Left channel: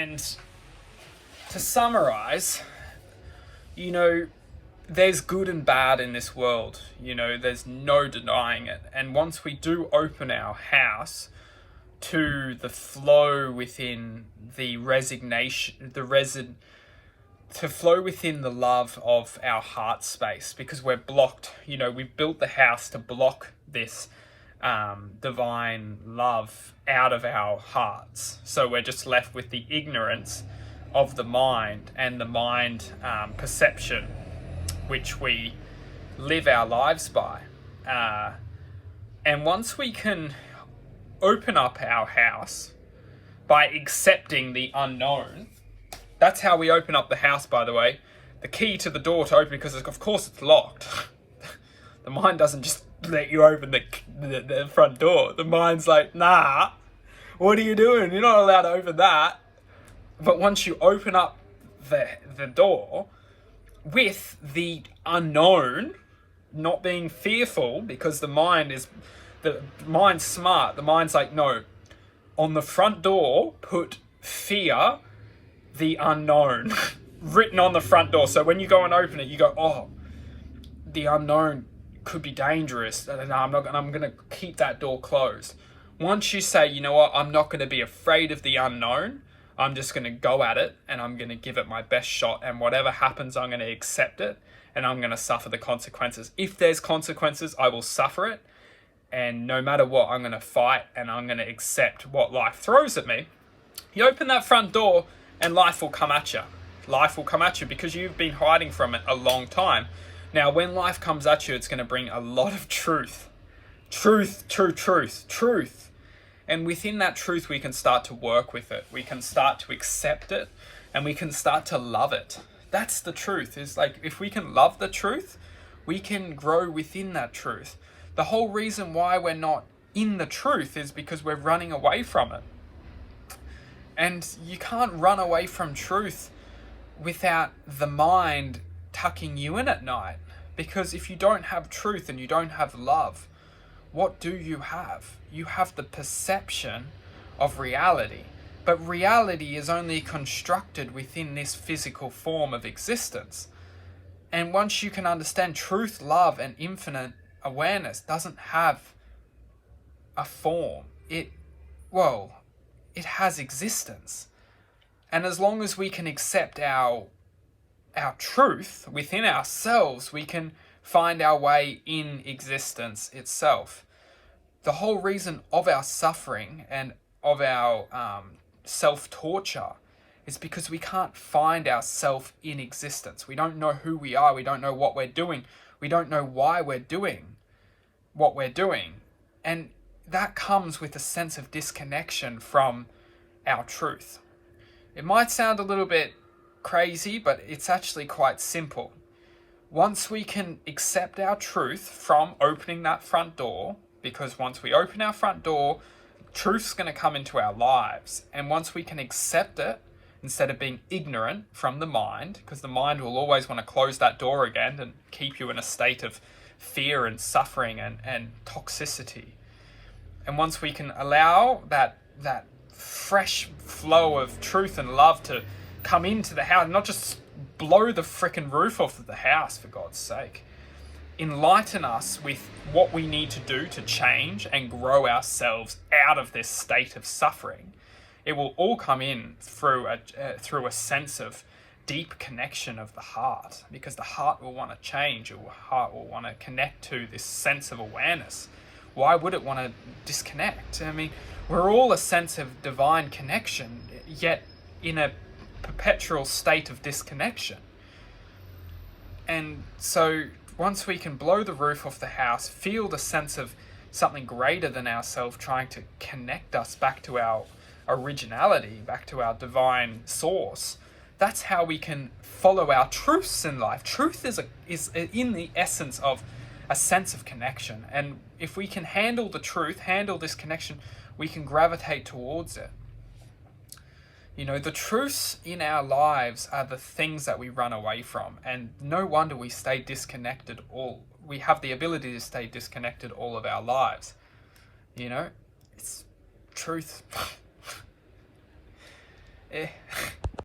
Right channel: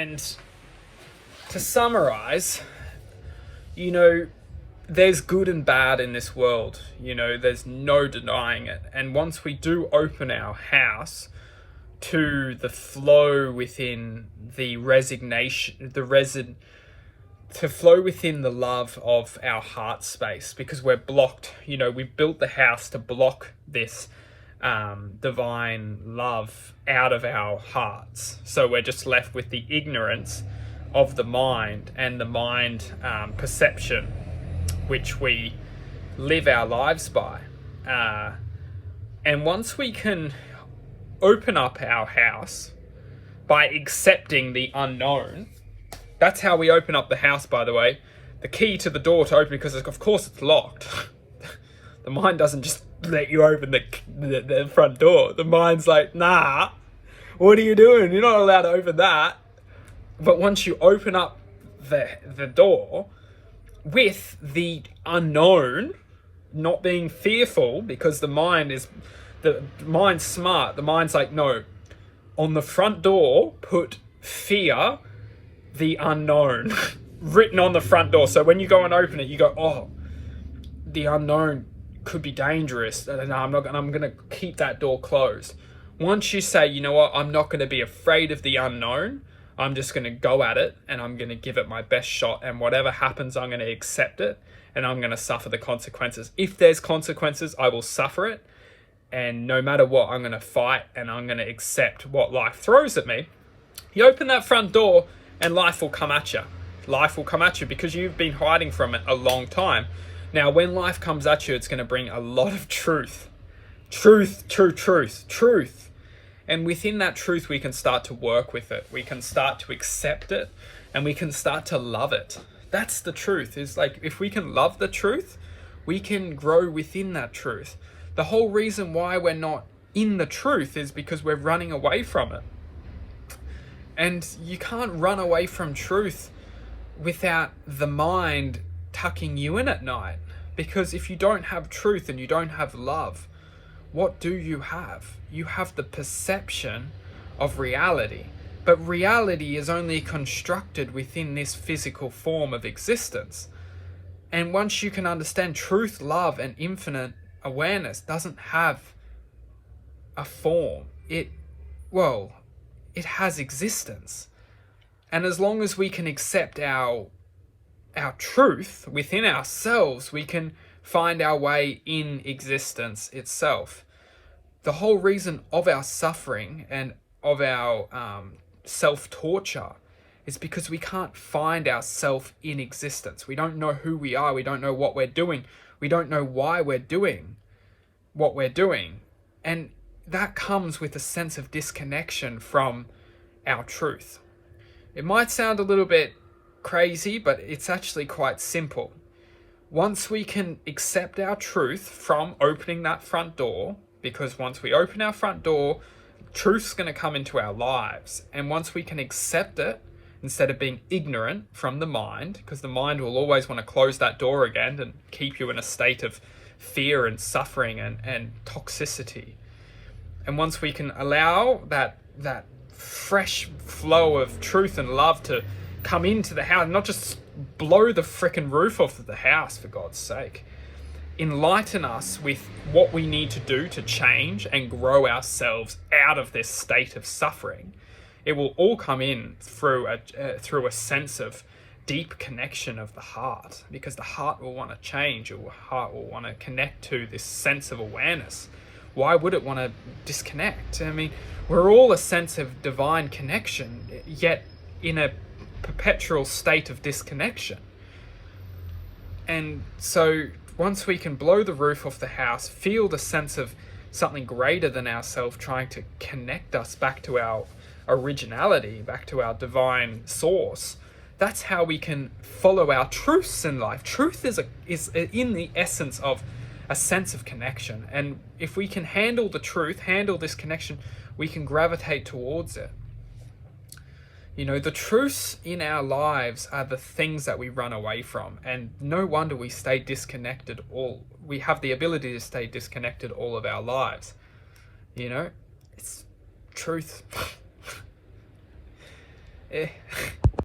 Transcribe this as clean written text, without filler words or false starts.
And to summarize, there's good and bad in this world. There's no denying it. And once we do open our house to the flow within the resignation, to flow within the love of our heart space, because we're blocked. We've built the house to block this divine love out of our hearts. So we're just left with the ignorance of the mind and the mind perception, which we live our lives by. And once we can open up our house by accepting the unknown, that's how we open up the house, by the way. The key to the door to open, because of course it's locked. The mind doesn't just let you open the front door. The mind's like, nah, what are you doing? You're not allowed to open that. But once you open up the door with the unknown, not being fearful, because the mind's smart. The mind's like, no, on the front door, put fear, the unknown, written on the front door. So when you go and open it, you go, oh, the unknown could be dangerous. No, I'm going to keep that door closed. Once you say, you know what, I'm not going to be afraid of the unknown, I'm just going to go at it and I'm going to give it my best shot. And whatever happens, I'm going to accept it and I'm going to suffer the consequences. If there's consequences, I will suffer it. And no matter what, I'm going to fight and I'm going to accept what life throws at me. You open that front door and life will come at you. Life will come at you because you've been hiding from it a long time. Now, when life comes at you, it's going to bring a lot of truth. Truth. And within that truth, we can start to work with it. We can start to accept it and we can start to love it. That's the truth. Is like, if we can love the truth, we can grow within that truth. The whole reason why we're not in the truth is because we're running away from it. And you can't run away from truth without the mind tucking you in at night. Because if you don't have truth and you don't have love, what do you have? You have the perception of reality. But reality is only constructed within this physical form of existence. And once you can understand truth, love, and infinite awareness doesn't have a form. It has existence. And as long as we can accept our truth within ourselves, we can find our way in existence itself. The whole reason of our suffering and of our self-torture is because we can't find ourselves in existence. We don't know who we are. We don't know what we're doing. We don't know why we're doing what we're doing. And that comes with a sense of disconnection from our truth. It might sound a little bit crazy, but it's actually quite simple. Once we can accept our truth from opening that front door, because once we open our front door, truth's going to come into our lives. And once we can accept it, instead of being ignorant from the mind, because the mind will always want to close that door again and keep you in a state of fear and suffering and toxicity. And once we can allow that fresh flow of truth and love to come into the house, not just blow the frickin' roof off of the house, for God's sake. Enlighten us with what we need to do to change and grow ourselves out of this state of suffering. It will all come in through a sense of deep connection of the heart, because the heart will want to change. The heart will want to connect to this sense of awareness. Why would it want to disconnect? I mean, we're all a sense of divine connection, yet in a perpetual state of disconnection. And so once we can blow the roof off the house, feel the sense of something greater than ourselves trying to connect us back to our originality, back to our divine source, that's how we can follow our truths in life. Truth is in the essence of a sense of connection. And if we can handle the truth, handle this connection, we can gravitate towards it. The truths in our lives are the things that we run away from. And no wonder we stay disconnected we have the ability to stay disconnected all of our lives. It's truth. eh,